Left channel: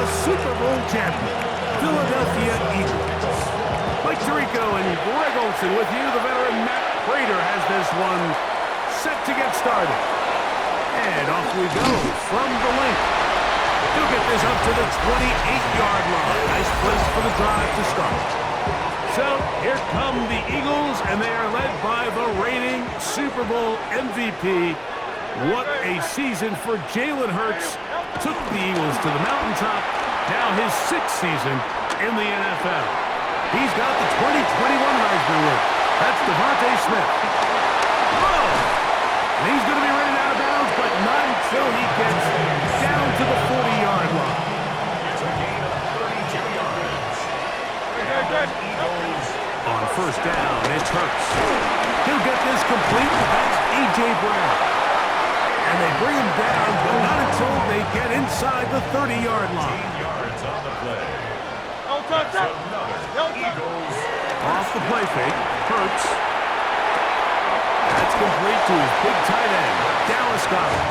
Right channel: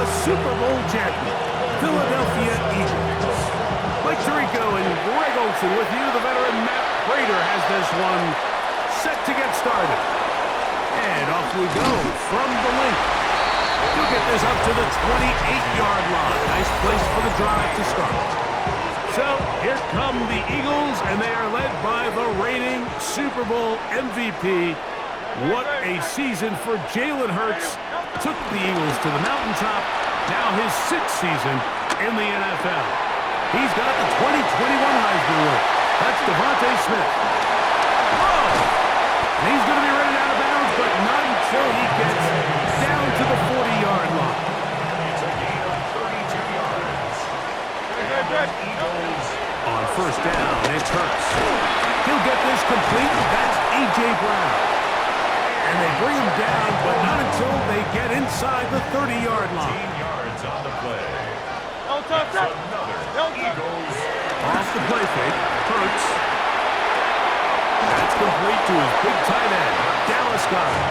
the Super Bowl champion, Philadelphia Eagles. Mike Tirico and Greg Olson with you. The veteran Matt Prater has this one set to get started. And off we go from the link. He'll get this up to the 28-yard line. Nice place for the drive to start. So here come the Eagles, and they are led by the reigning Super Bowl MVP. What a season for Jalen Hurts. Took the Eagles to the mountaintop. Now his 6th season in the NFL. He's got the 2021 Heisman winner. That's Devontae Smith. Whoa! And he's going to be running out of bounds, but not until he gets down to the 40-yard line. It's a gain of 32 yards. And Eagles on first down, it's Hurts. He'll get this complete. That's A.J. Brown. And they bring him down, but not until they get inside the 30-yard line. 18 yards on the play. That's another Eagles. Off the play fake, Hurts. That's complete to his big tight end, Dallas Goedert.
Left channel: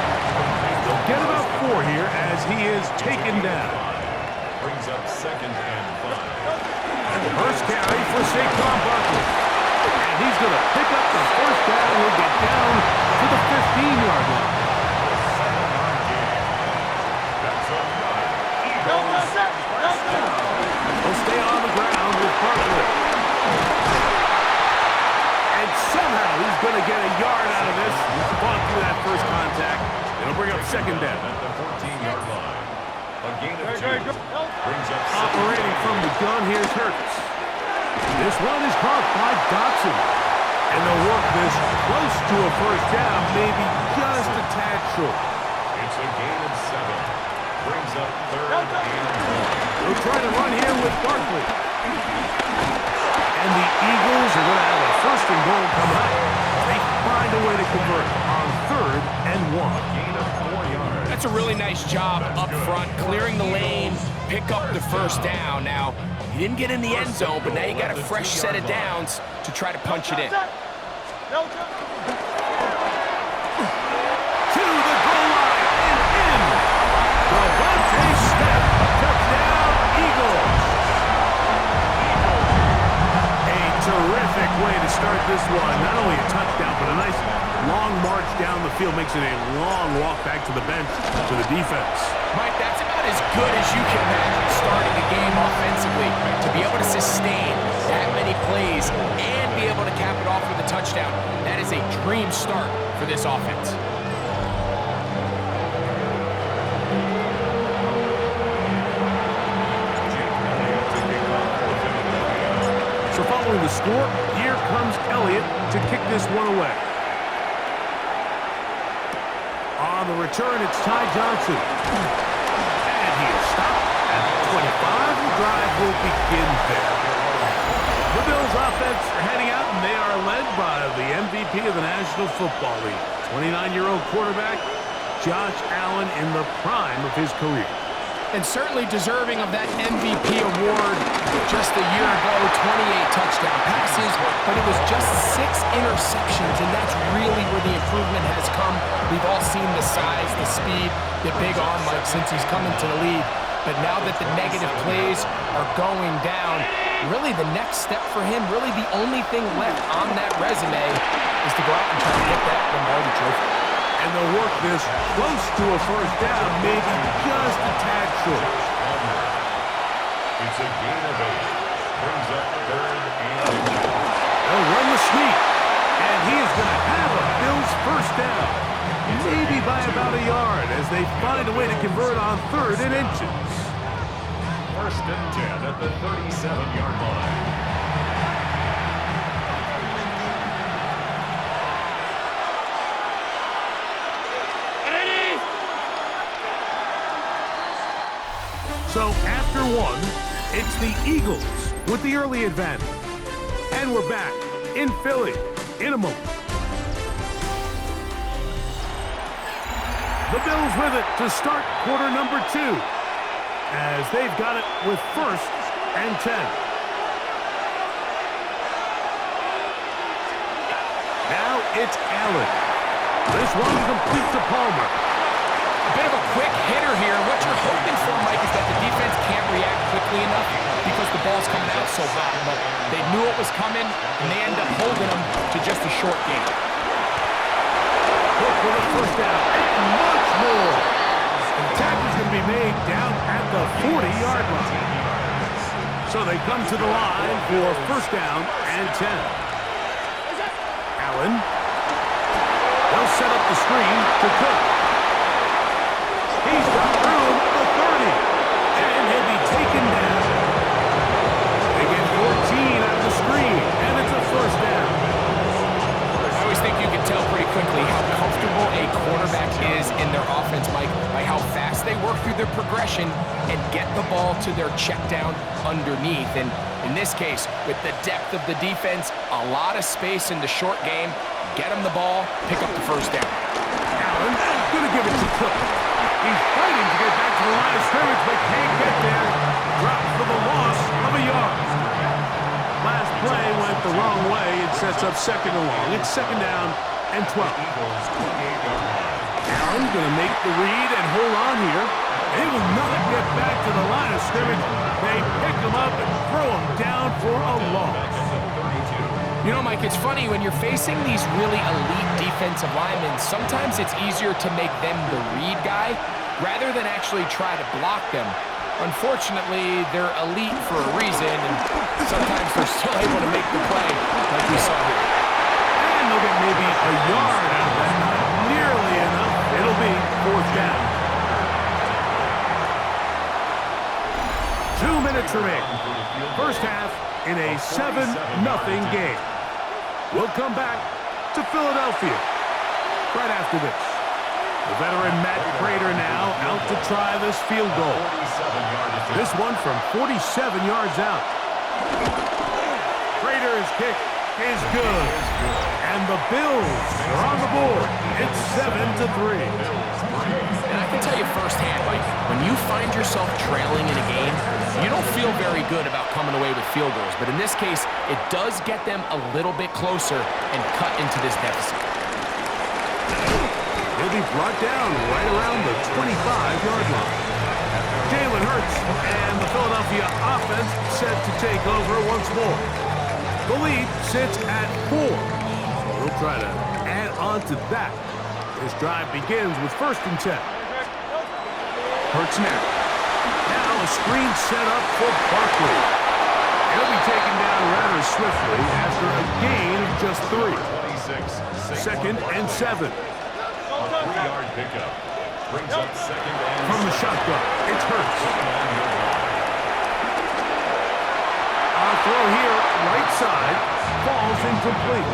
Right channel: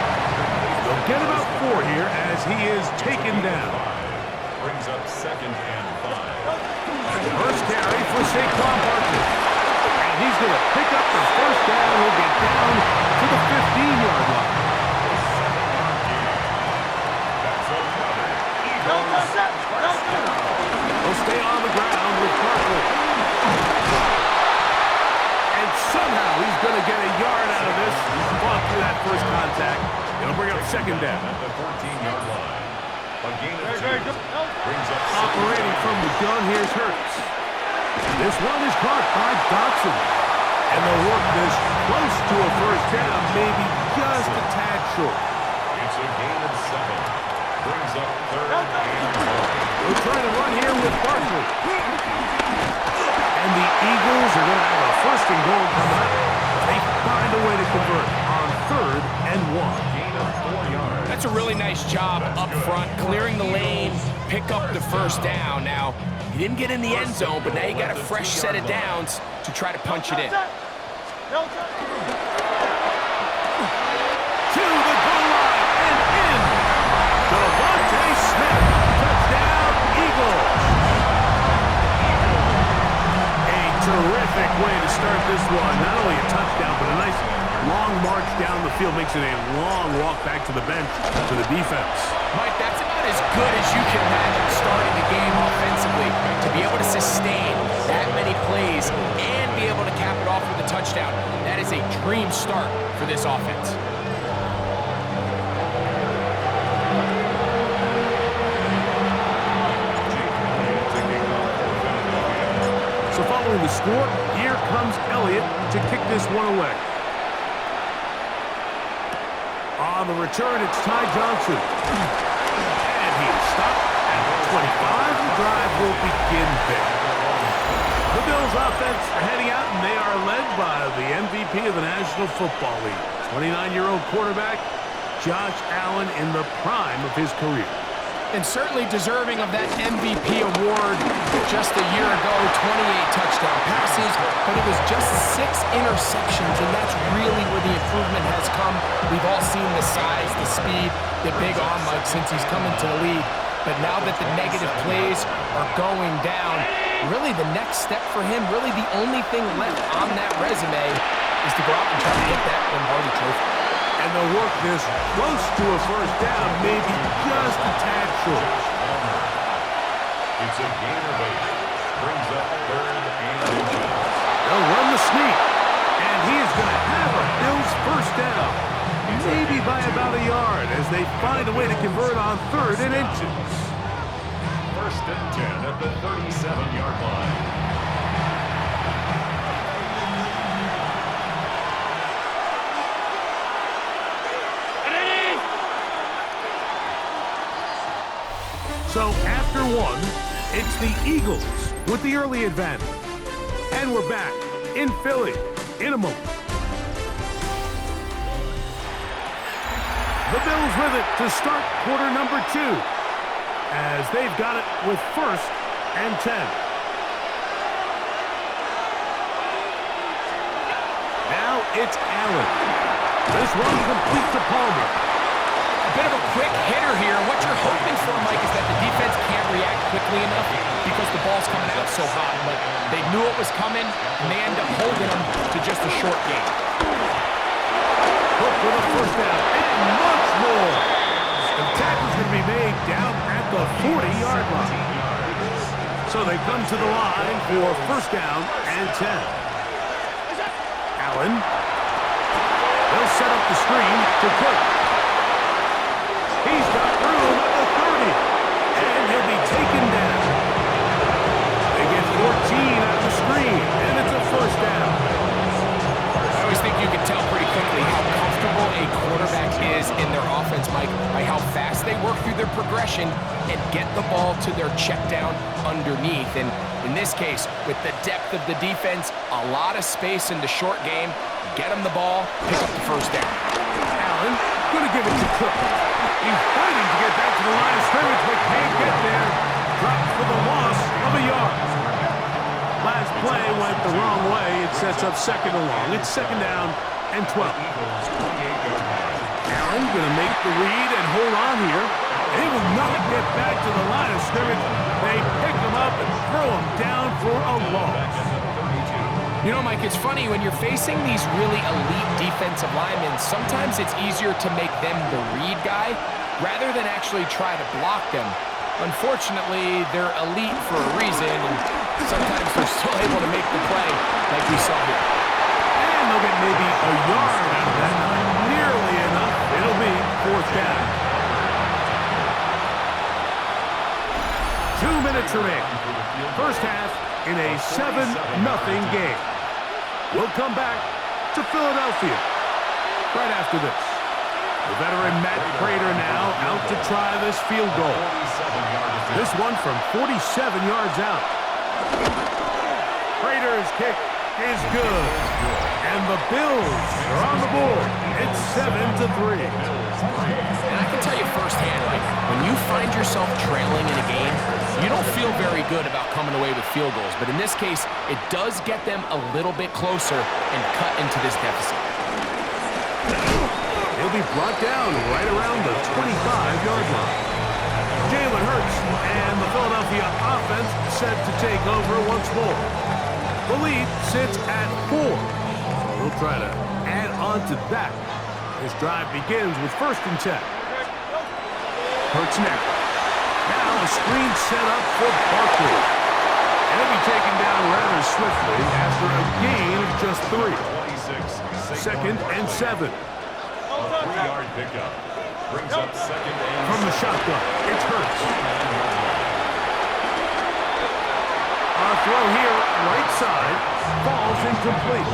They'll get about 4 here as he is taken down. Brings up 2nd and 5. First carry for Saquon Barkley. And he's going to pick up the first down. He'll get down to the 15-yard line. A 7-yard gain. That's another Eagles first down. He'll stay on the ground with Barkley. And somehow he's going to get a yard out of this. He's fought through that first contact. It'll bring up 2nd down. At the 14-yard line. A gain of 2. Brings up operating from the gun, here's Hurts. This one is caught by Dotson. And they'll work this close to a first down, maybe just a tad short. It's a gain of 7. Brings up 3rd and 1. They'll try to run here with Barkley. And the Eagles are going to have a 1st and goal coming up. They find a way to convert on 3rd and 1. Gain of 4 yards. That's a really nice job up front, clearing the lane, pick up the first down. Now, he didn't get in the end zone, but now you got a fresh set of downs to try to punch it in. To the goal line and in. Devontae Smith, touchdown Eagles. A terrific way to start this one. Not only a touchdown, but a nice long march down the field. Makes it a long walk back to the bench for the defense. Mike, that's about as good as you can imagine starting a game offensively. To be able to sustain that many plays and be able to cap it off with a touchdown, that is a dream start for this offense. So following the score, here comes Elliott to kick this one away. On the return, it's Ty Johnson. And he is stopped at the 25. The drive will begin there. The Bills offense are heading out, and they are led by the MVP of the National Football League, 29-year-old quarterback Josh Allen in the prime of his career. And certainly deserving of that MVP award. Just a year ago, 28 touchdown passes, but it was just 6 interceptions, and that's really where the improvement has come. We've all seen the size, the speed, the big arm, Mike, since he's come into the league. But now that the negative plays are going down, really the next step for him, really the only thing left on that resume is to go out and try to get that Lombardi trophy. And they'll work this close to a first down, maybe just a tad short. It's a gain of 8. Brings up 3rd and inches. They'll run the sneak. And he is going to have a Bills first down. Maybe by about a yard as they find a way to convert on 3rd and inches. 1st and 10 at the 37-yard line. So after one, it's the Eagles with the early advantage. And we're back in Philly in a moment. The Bills with it to start quarter number 2 as they've got it with 1st and 10. Now it's Allen. This one complete to Palmer. A bit of a quick hitter here. What you're hoping for, Mike, is that the defense can't react quickly enough because the ball's coming out so hot, but they knew it was coming, and they end up holding them to just a short game. Hook with a first down, and much more. The tackle's going to be made down at the 40-yard line. So they come to the line for first down and 10. Allen. They'll set up the screen to Cook. He's got room at the 30, and he'll be taken down. They get 14 out of the screen, and it's a first down. I always think you can tell pretty quickly how comfortable a quarterback is in their offense, Mike, by how fast they work through their progression and get the ball to their check down underneath. And in this case, with the depth of the defense, a lot of space in the short game, get them the ball, pick up the first down. Allen, going to give it to Cook. He's fighting to get back to the line of scrimmage, but can't get there. Drops for the loss of a yard. Last play went the wrong way. It sets up second and long. It's second down and 12. Allen going to make the read and hold on here. He will not get back to the line of scrimmage. They pick him up and throw him down for a loss. You know, Mike, it's funny, when you're facing these really elite defensive linemen, sometimes it's easier to make them the read guy rather than actually try to block them. Unfortunately, they're elite for a reason, and sometimes they're still able to make the play like we saw here. And they'll get maybe a yard out of that. Not nearly enough. It'll be fourth down. 2 minutes remaining. First half in a 7-0 game. We'll come back to Philadelphia right after this. The veteran Matt Prater now out to try this field goal. This one from 47 yards out. Prater's kick is good. And the Bills are on the board. It's 7-3. And I can tell you firsthand, Mike, when you find yourself trailing in a game, you don't feel very good about coming away with field goals. But in this case, it does get them a little bit closer and cut into this deficit. He'll be brought down right around the 25-yard line. Jalen Hurts and the Philadelphia offense set to take over once more. The lead sits at 4. So we'll try to add on to that. This drive begins with first and 10. Hurts now. Now a screen set up for Barkley. And he'll be taken down rather swiftly after a gain of just 3. Second and 7. A 3-yard pickup brings up second and from the shotgun. It's Hurts. A throw here, right side, falls incomplete.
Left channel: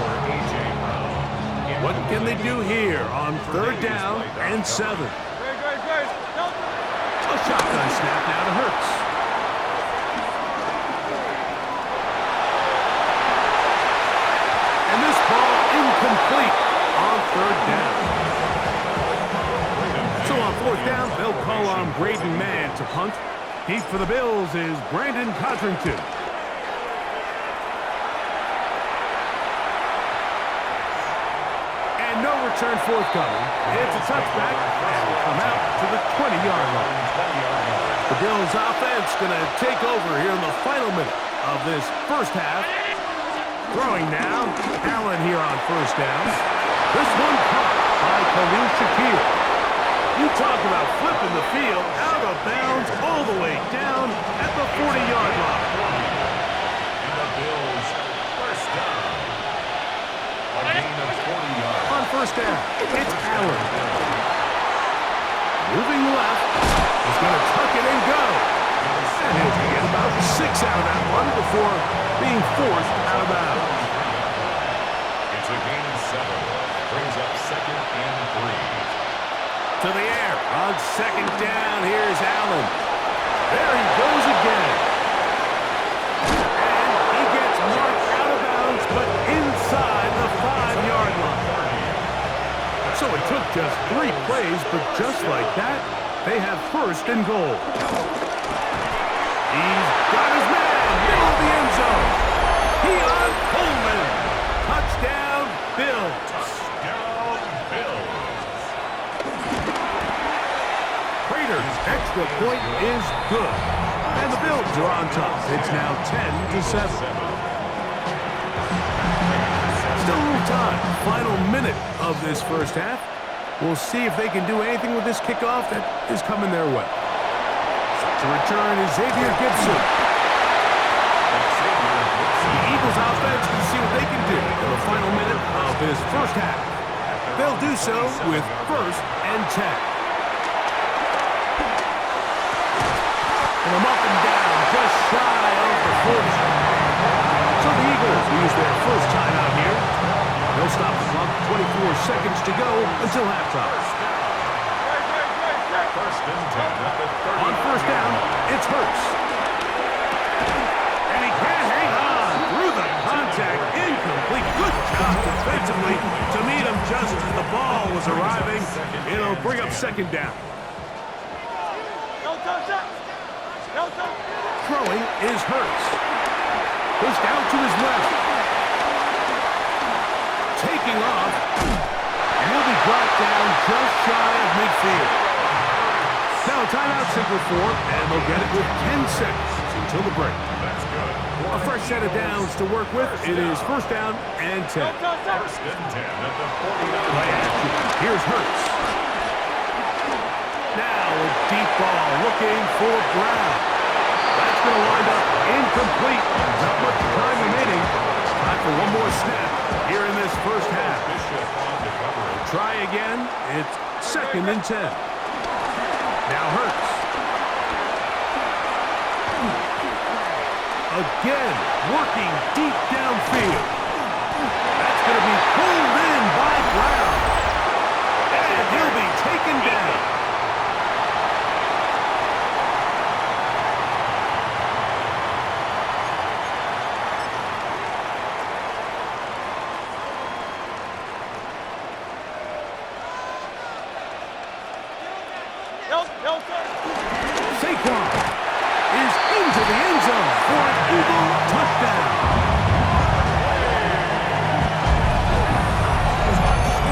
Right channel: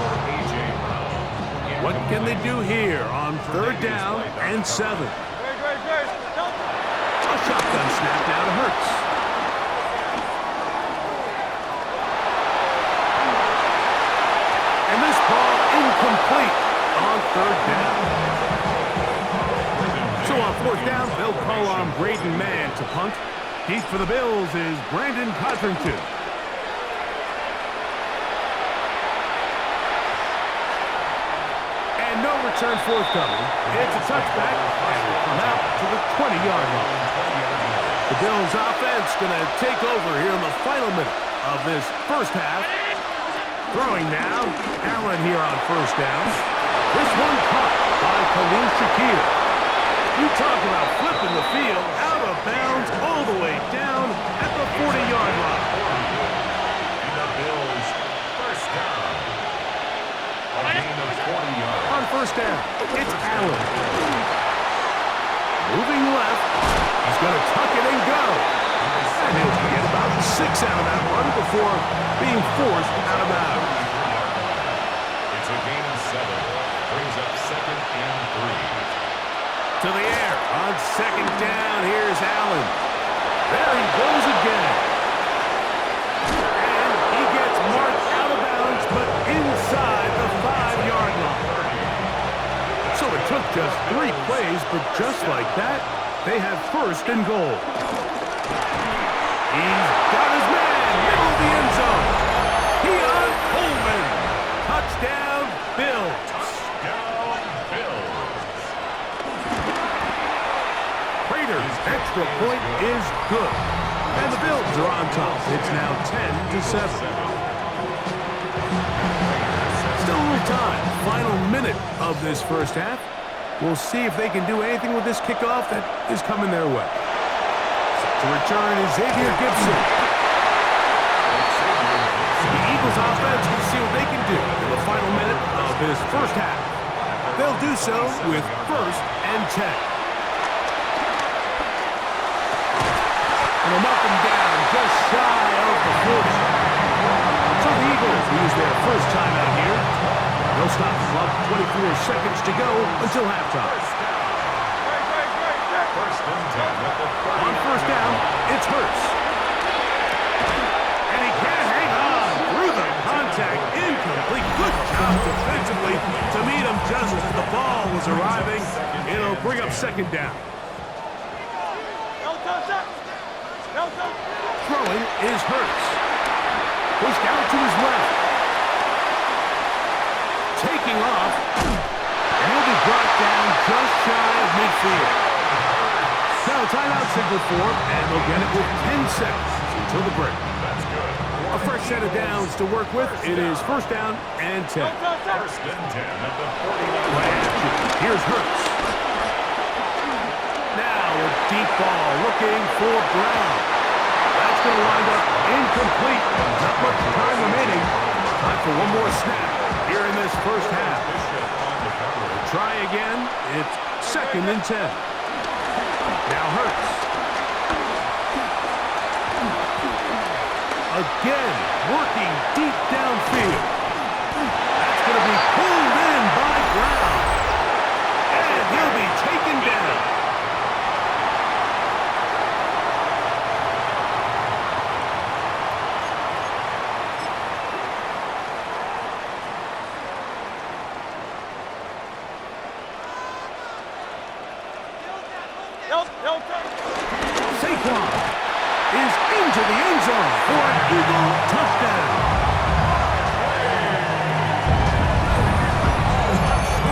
What can they do here on third down and 7? A shotgun snap now to Hurts. And this ball incomplete on third down. So on fourth down, they'll call on Braden Mann to punt. Deep for the Bills is Brandon Codrington. And no return forthcoming. It's a touchback, and will come out to the 20-yard line. The Bills offense going to take over here in the final minute of this first half. Throwing now, Allen here on first down. This one caught by Khalil Shakir. You talk about flipping the field out of bounds all the way down at the 40-yard line. And the Bills first down. A gain of 40 yards. On first down, it's Allen. Moving left, he's going to tuck it and go. And he'll get about 6 out of that one before being forced out of bounds. It's a gain of 7. Brings up second and 3. To the air on second down. Here's Allen. There he goes again. And he gets marked out of bounds, but inside the 5-yard line. So it took just 3 plays, but just like that, they have first and goal. He's got his man, middle of the end zone. Keon Coleman. Touchdown, Bills. Touchdown, Bills. Prater's extra point is good. And the Bills are on top. It's now 10-7. Still a little time. Final minute of this first half. We'll see if they can do anything with this kickoff that is coming their way. Set to return is Xavier Gibson. The Eagles offense can see what they can do in the final minute of this first half. They'll do so with 1st and 10. And they'll mark them down just shy of the 40. So the Eagles will use their first timeout here. They'll stop the clock, 24 seconds to go until halftime. First and 10 at the 30. On first down, it's Hurts. And he can't hang on through the contact. Incomplete. Good job defensively to meet him just as the ball was arriving. It'll bring up second down. Throwing is Hurts. Pushed out to his left. Taking off. And he'll be brought down just shy of midfield. Now a timeout signal for him, and they'll get it with 10 seconds until the break. That's good. A fresh set of downs to work with. It is first down and 10. First and 10 at the 49. Play action. Here's Hurts. Now a deep ball looking for Brown. That's going to wind up incomplete. Not much time remaining. Time for one more snap here in this first half. Try again. It's 2nd and 10. Now Hurts. Again, working deep downfield. That's going to be pulled in by Brown. And he'll be taken down. Saquon is into the end zone for an Eagle touchdown.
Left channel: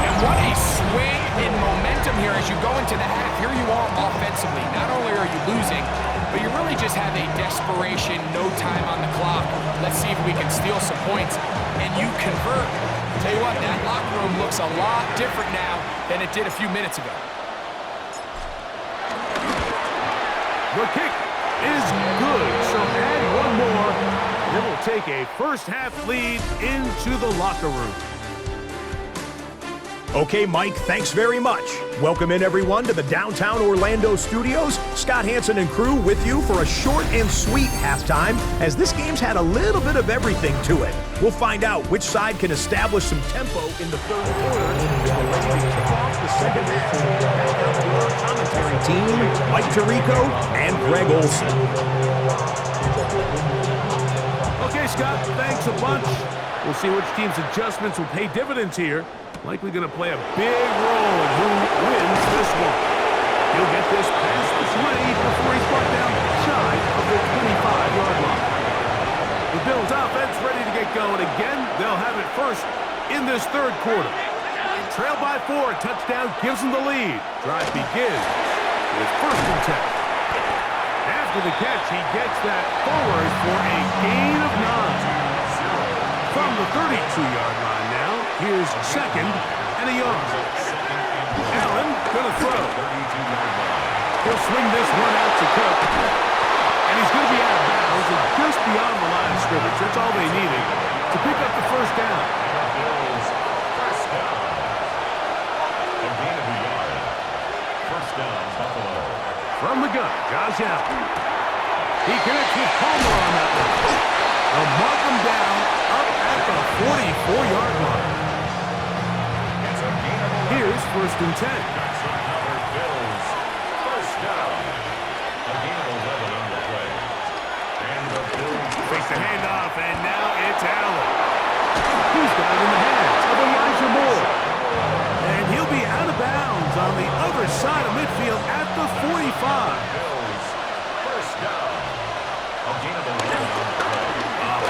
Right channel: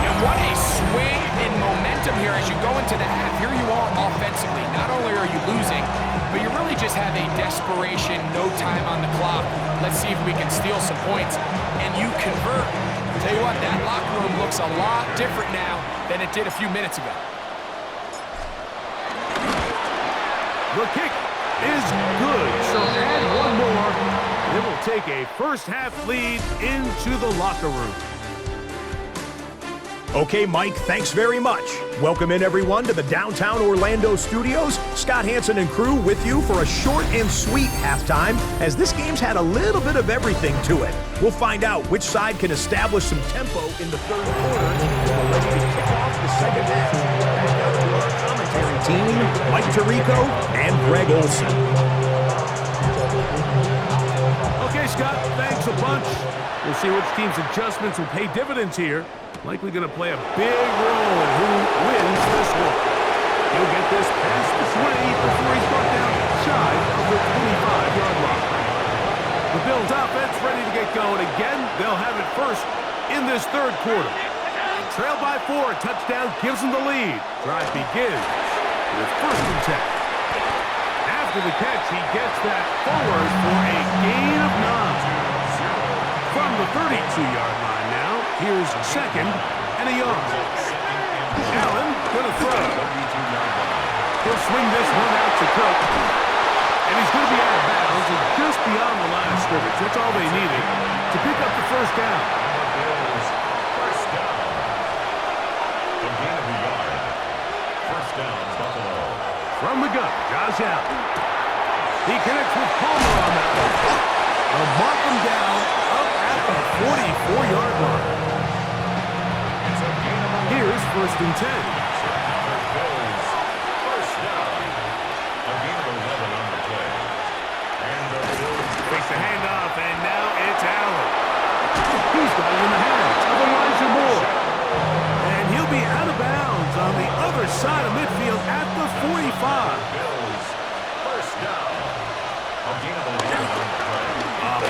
And what a swing in momentum here as you go into the half. Here you are offensively. Not only are you losing, but you really just have a desperation, no time on the clock. Let's see if we can steal some points. And you convert. Tell you what, that locker room looks a lot different now than it did a few minutes ago. The kick is good, so add one more, and it will take a first-half lead into the locker room. Okay, Mike, thanks very much. Welcome in, everyone, to the downtown Orlando studios. Scott Hansen and crew with you for a short and sweet halftime, as this game's had a little bit of everything to it. We'll find out which side can establish some tempo in the third quarter. We're ready to kick off the second half. Back out to our commentary team, Mike Tirico and Greg Olson. Okay, Scott, thanks a bunch. We'll see which team's adjustments will pay dividends here. Likely going to play a big role in who wins this one. He'll get this past the 20 before he's brought down shy of the 25-yard line. The Bills offense ready to get going again. They'll have it first in this third quarter. Trail by 4, a touchdown gives them the lead. Drive begins with 1st and 10. After the catch, he gets that forward for a gain of 9. From the 32-yard line now, here's 2nd and a yard. Allen gonna throw. He'll swing this one out to Cook. And he's gonna be out of bounds and just beyond the line of scrimmage. That's all they needed to pick up the first down. The Bills, first down. A gain of a yard. First down, Buffalo. From the gun, Josh Allen. He connects with Palmer on that one. They'll mark him down up at the 44-yard line. It's a gain of 11. Here's 1st and 10. That's another Bills. First down. A gain of 11 on the play. And the Bills Fakes the handoff, and now it's Allen. He's got it in the hands of Elijah Moore. And he'll be out of bounds on the other side of midfield at the 45. Bills. First down. A gain of 11 on the play.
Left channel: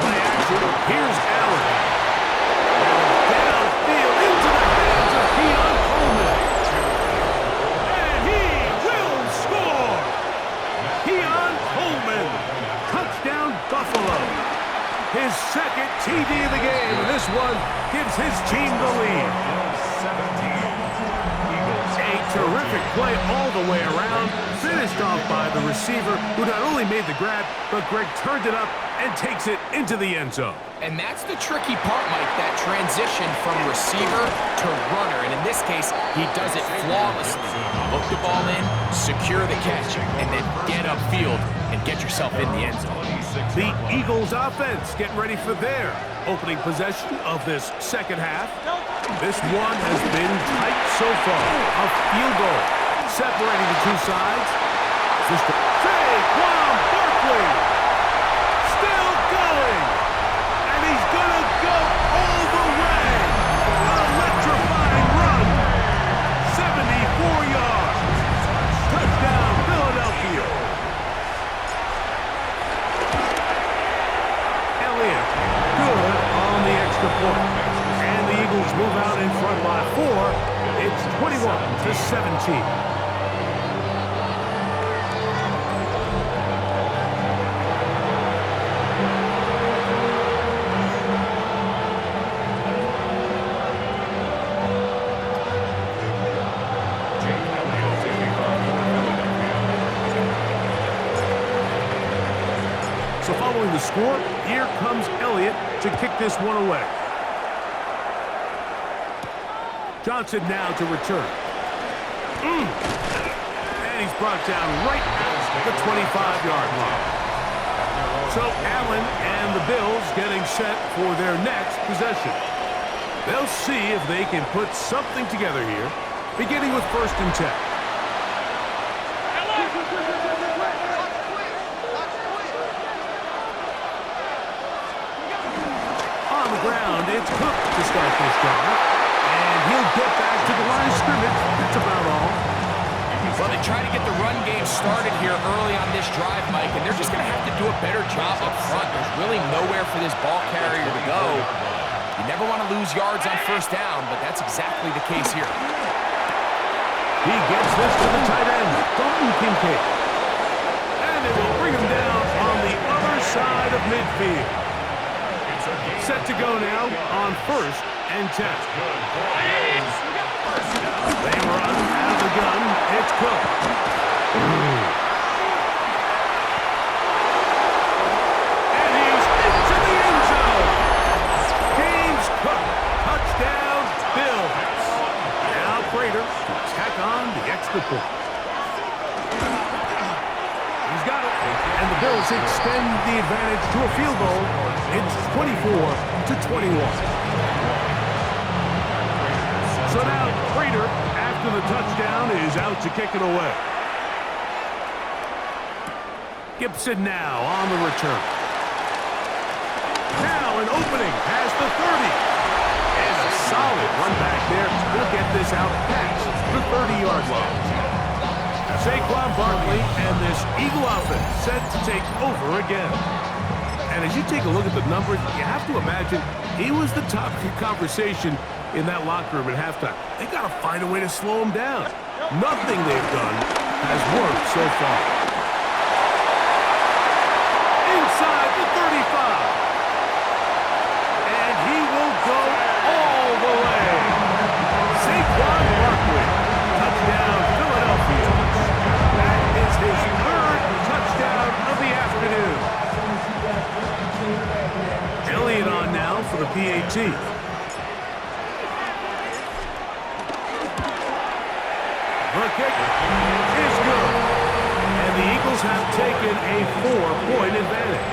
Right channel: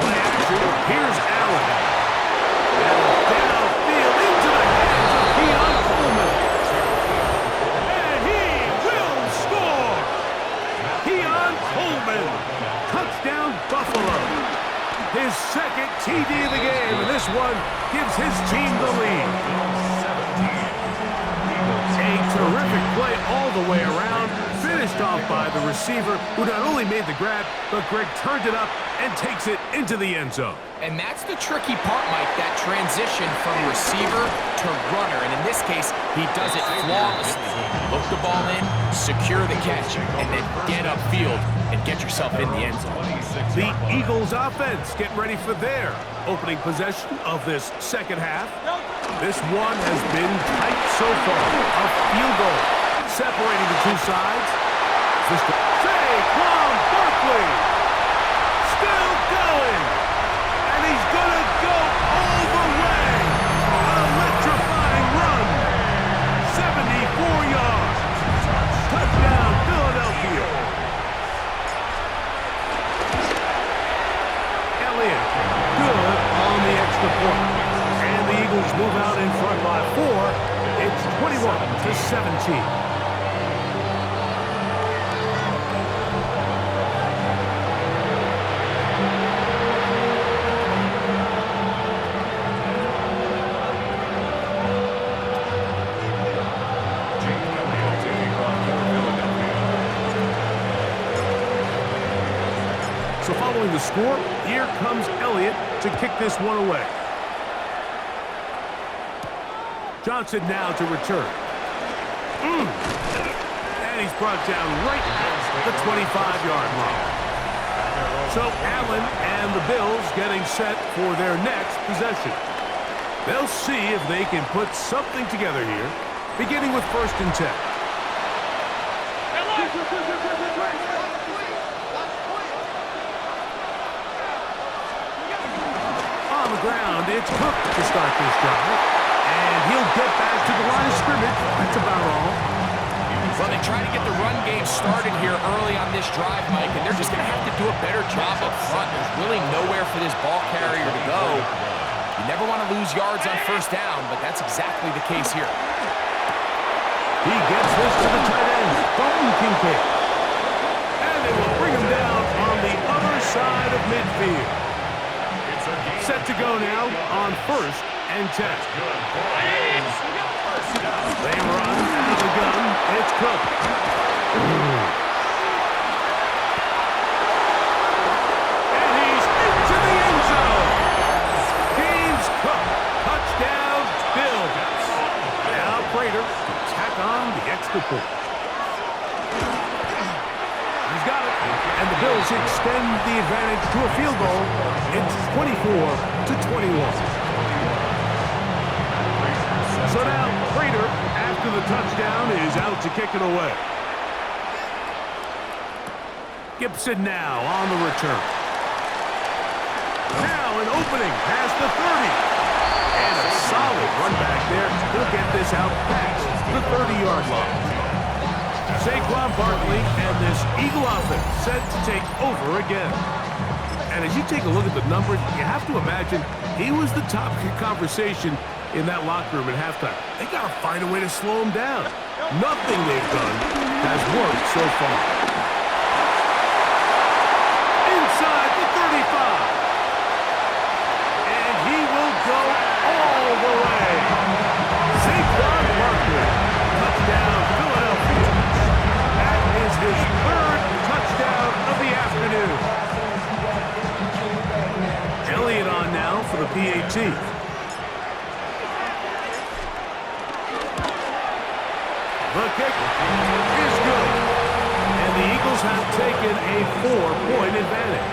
Play action. Here's Allen. And downfield into the hands of Keon Coleman. And he will score. Keon Ron Coleman. Touchdown, Buffalo. His second TD of the game, and this one gives his team the lead. A terrific play all the way around, finished off by the receiver, who not only made the grab, but Greg turned it up and takes it into the end zone. And that's the tricky part, Mike, that transition from receiver to runner. And in this case, he does it flawlessly. Look the ball in, secure the catch, and then get upfield and get yourself in the end zone. The Eagles offense getting ready for their opening possession of this second half. This one has been tight so far. A field goal separating the two sides. Saquon Barkley still going. And he's going to go all the way. Electrifying run. 74 yards. Touchdown, Philadelphia. Elliott, good on the extra point. And the Eagles move out in front by 4. It's 21-17. So following the score, here comes Elliott to kick this one away. Johnson now to return. And he's brought down right at the 25-yard line. So Allen and the Bills getting set for their next possession. They'll see if they can put something together here, beginning with 1st and 10. On the ground, it's Cook to start this drive. And he'll get back to the line of scrimmage. That's about all. Well, they try to get the run game started here early on this drive, Mike, and they're just going to have to do a better job up front. There's really nowhere for this ball carrier to go. You never want to lose yards on 1st down, but that's exactly the case here. He gets this to the tight end, Dalton Kincaid. And they will bring him down on the other side of midfield. Set to go now on 1st and 10. They run out of the gun. It's Cook. And he's into the end zone. James Cook. Touchdown, Bills. Now Prater to tack on the extra point. He's got it. And the Bills extend the advantage to a field goal. It's 24-21. So now Prater, after the touchdown, is out to kick it away. Gibson now on the return. Now an opening past the 30. And a solid run back there. He'll get this out past the 30-yard line. Saquon Barkley and this Eagle offense set to take over again. And as you take a look at the numbers, you have to imagine he was the topic of conversation in that locker room at halftime. They got to find a way to slow him down. Nothing they've done has worked so far. Inside the 35. And he will go all the way. Saquon Barkley. Touchdown, Philadelphia. That is his 3rd touchdown of the afternoon. Elliott on now for the PAT. The kick is good. And the Eagles have taken a 4-point advantage.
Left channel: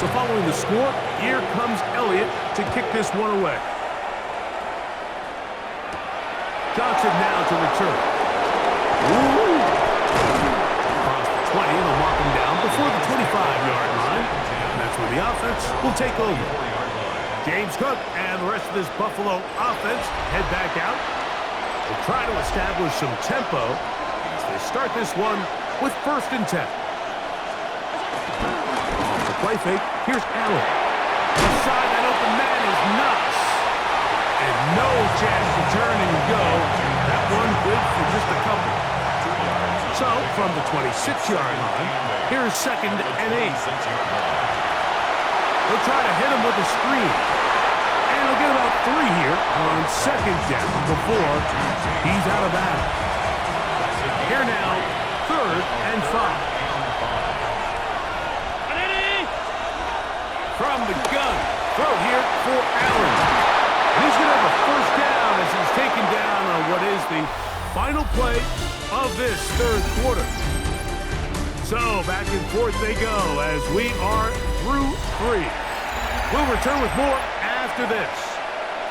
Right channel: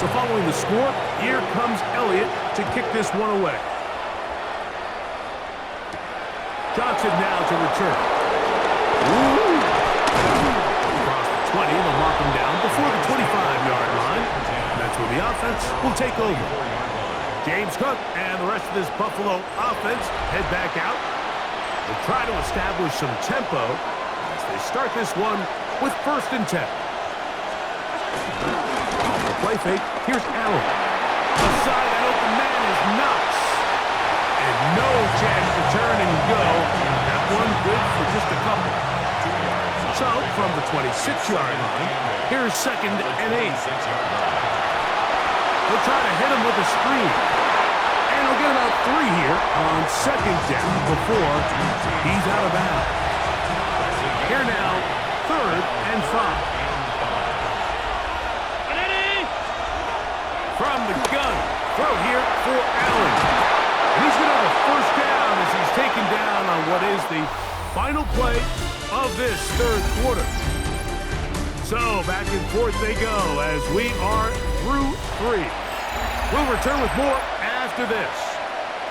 So following the score, here comes Elliott to kick this one away. Johnson now to return. Ooh. Across the 20, they'll mark him down before the 25-yard line. And that's where the offense will take over. James Cook and the rest of this Buffalo offense head back out. They'll try to establish some tempo as they start this one with 1st and 10. Off the play fake, here's Allen. Beside that open man is Knox. no chance to turn and go. That one good for just a couple. So, from the 26-yard line, here's 2nd and 8. He'll try to hit him with a screen. And he'll get about 3 here on 2nd down before he's out of bounds. Here now, 3rd and 5. From the gun, throw here for Allen. And he's going to have a 1st down as he's taken down on what is the final play of this 3rd quarter. So back and forth they go as we are through 3. We'll return with more after this.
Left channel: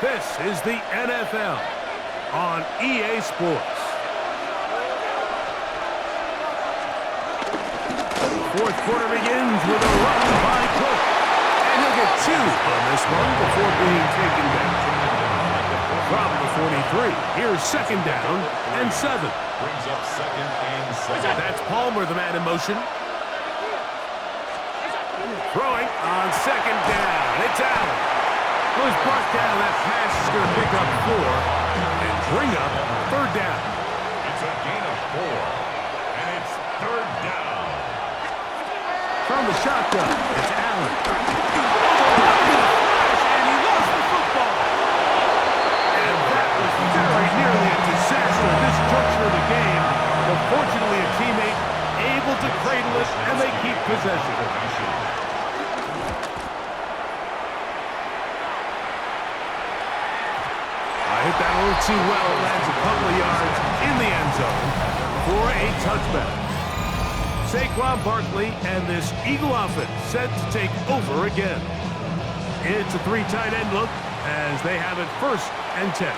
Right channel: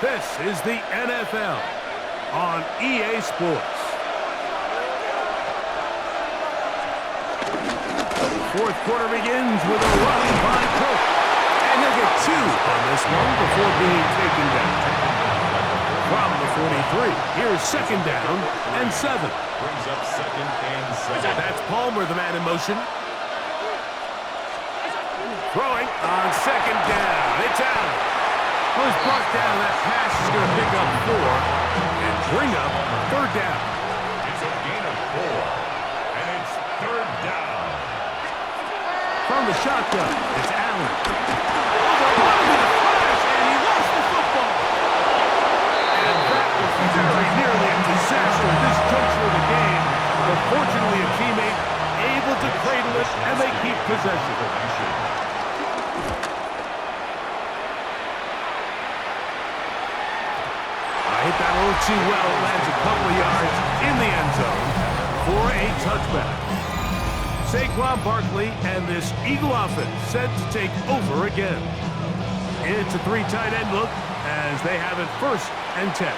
This is the NFL on EA Sports. The 4th quarter begins with a run by Cook. And he'll get 2 on this one before being taken down. From the 43, here's 2nd down and 7. Brings up 2nd and 7. That's Palmer, the man in motion. Throwing on 2nd down. It's Allen. Well, he's brought down. That pass is going to pick up 4 and bring up 3rd down. It's a gain of 4, and it's 3rd down. From the shotgun, it's Allen. Overrun with a flash, and he lost the football. And that was very nearly a disaster at this juncture of the game. But fortunately, a teammate able to cradle it, and they keep possession. Hit that a little too well. It lands a couple of yards in the end zone for a touchback. Saquon Barkley and this Eagle offense set to take over again. It's a 3 tight end look as they have it 1st and 10.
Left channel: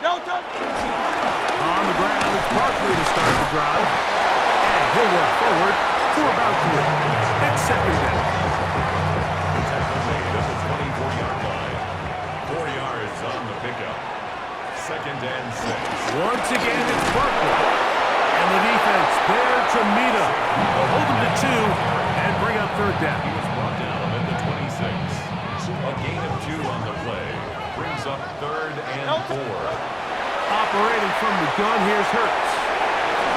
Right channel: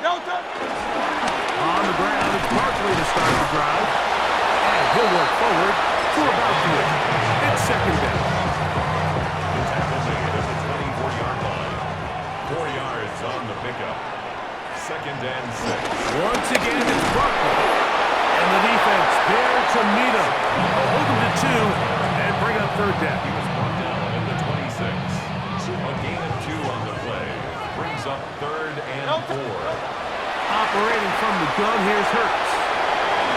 On the ground, it's Barkley to start the drive. And he'll work forward for about 3. It's 2nd down. The tackle made at the 24-yard line. 4 yards on the pickup. 2nd and 6. Once again, it's Barkley. And the defense there to meet him. They'll hold him to 2 and bring up 3rd down. He was brought down at the 26. A gain of 2 on the play. Brings up 3rd and 4. Operating from the gun, here's Hurts.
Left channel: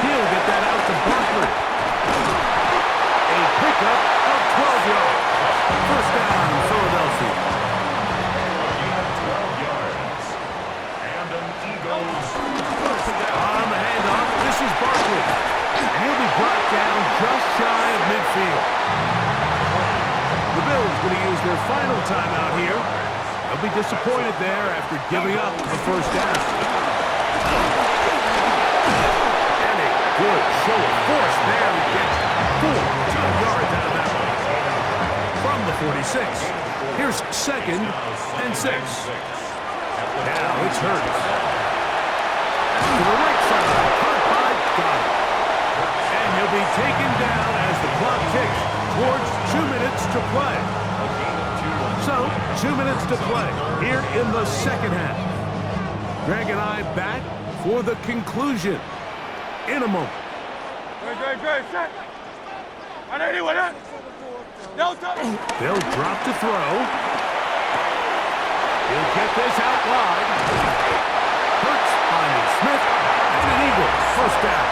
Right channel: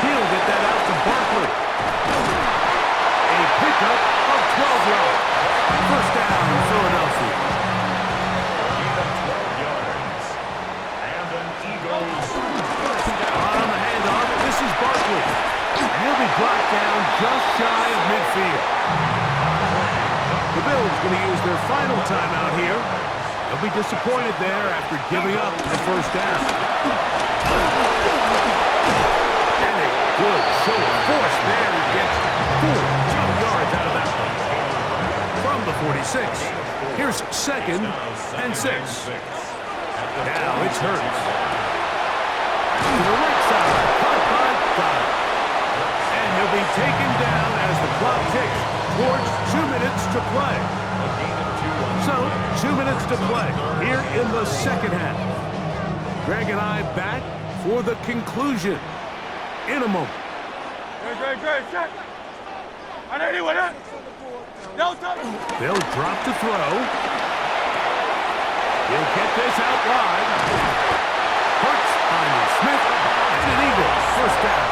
He'll get that out to Barkley. A pickup of 12 yards. 1st down, Philadelphia. On the handoff, this is Barkley. And he'll be brought down just shy of midfield. The Bills going to use their final timeout here. They'll be disappointed there after giving up the 1st down. And a good show of force there. He gets 4 tough yards out of that one. From the 46, here's 2nd and 6. Now it's Hurts. To the right side, caught by Goddard. And he'll be taken down as the clock ticks towards 2 minutes to play. So, 2 minutes to play here in the 2nd half. Greg and I back for the conclusion in a moment. They'll drop to throw. He'll get this out wide. Hurts finding Smith, and an Eagle 1st down.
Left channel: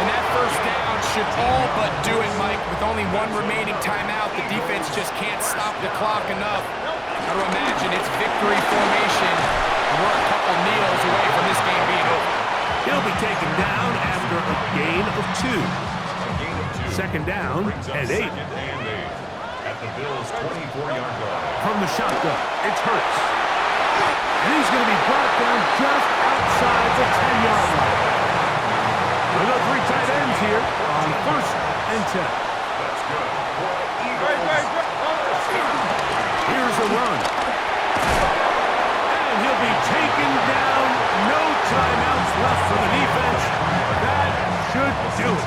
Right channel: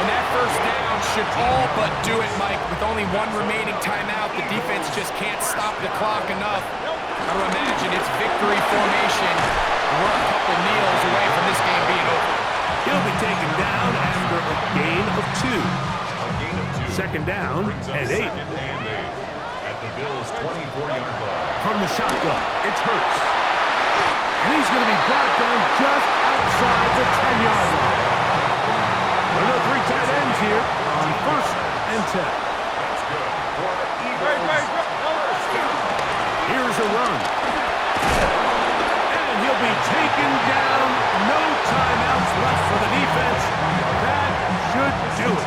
And that 1st down should all but do it, Mike. With only 1 remaining timeout, the defense just can't stop the clock enough. Got to imagine it's victory formation. We're a couple kneels away from this game being over. He'll be taken down after a gain of 2. 2nd down and 8. At the Bills' 24-yard line. From the shotgun, it's Hurts. And he's going to be brought down just outside the 10-yard line. There are no 3 tight ends here on 1st and 10. That's good for the Eagles. Here's a run. And he'll be taken down. No timeouts left for the defense. That should do it.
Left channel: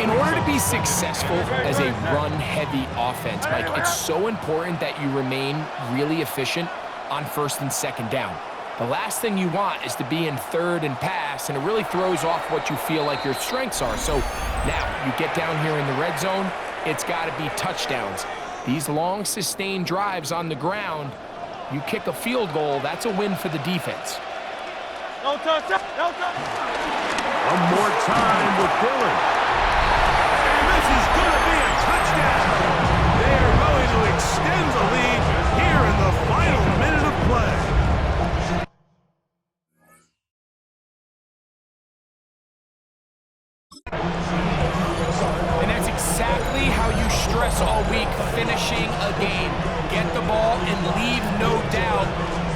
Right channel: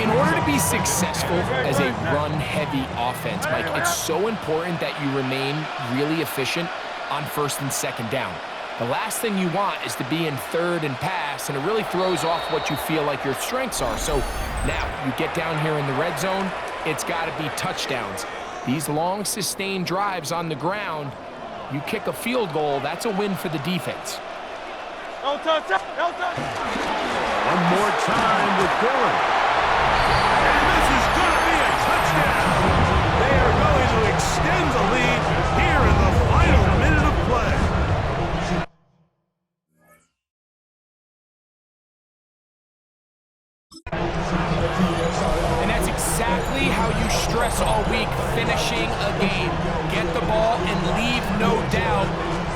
In order to be successful as a run-heavy offense, Mike, it's so important that you remain really efficient on 1st and 2nd down. The last thing you want is to be in 3rd and pass, and it really throws off what you feel like your strengths are. So now you get down here in the red zone, it's got to be touchdowns. These long, sustained drives on the ground, You kick a field goal, that's a win for the defense. No touch, no touch. One more time with Dillon. And this is going to be a touchdown. They are going to extend the lead here in the final minute of play. And that's exactly how you stress all week, finishing a game. Get the ball and leave no doubt.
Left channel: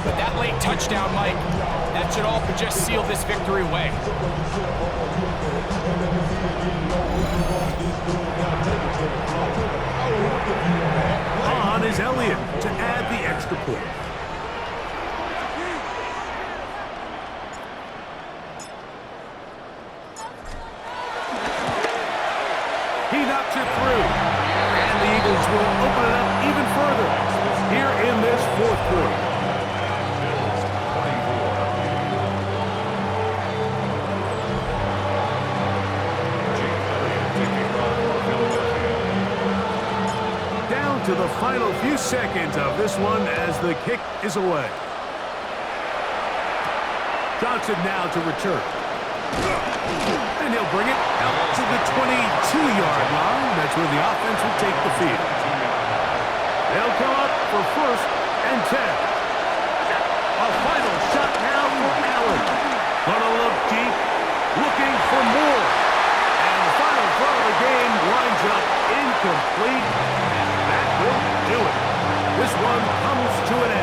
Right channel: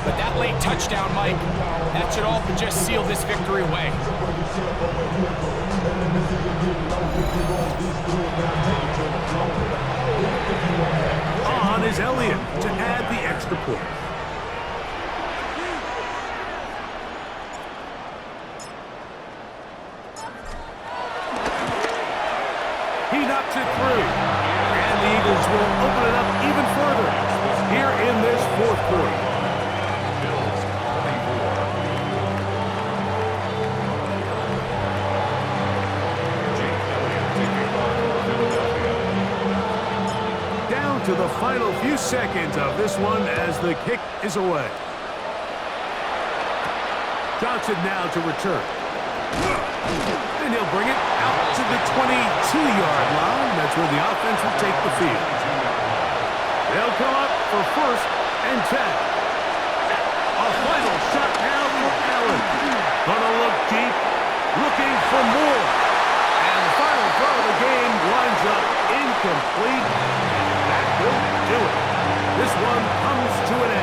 But that late touchdown, Mike, that should all but just seal this victory away. On is Elliott to add the extra point. He knocks it through. And the Eagles will open it up even further here in this fourth quarter. Bills 24. Jake Elliott taking off for Philadelphia. Down to the final few seconds of this one as the kick is away. Johnson now to return. And he'll bring it out to the 22-yard line. That's where the offense will take the field. They'll come up for 1st and 10. A final shot now for Allen. Gonna look deep, looking for more. And the final throw of the game winds up incomplete. And that will do it. This one comes to an end.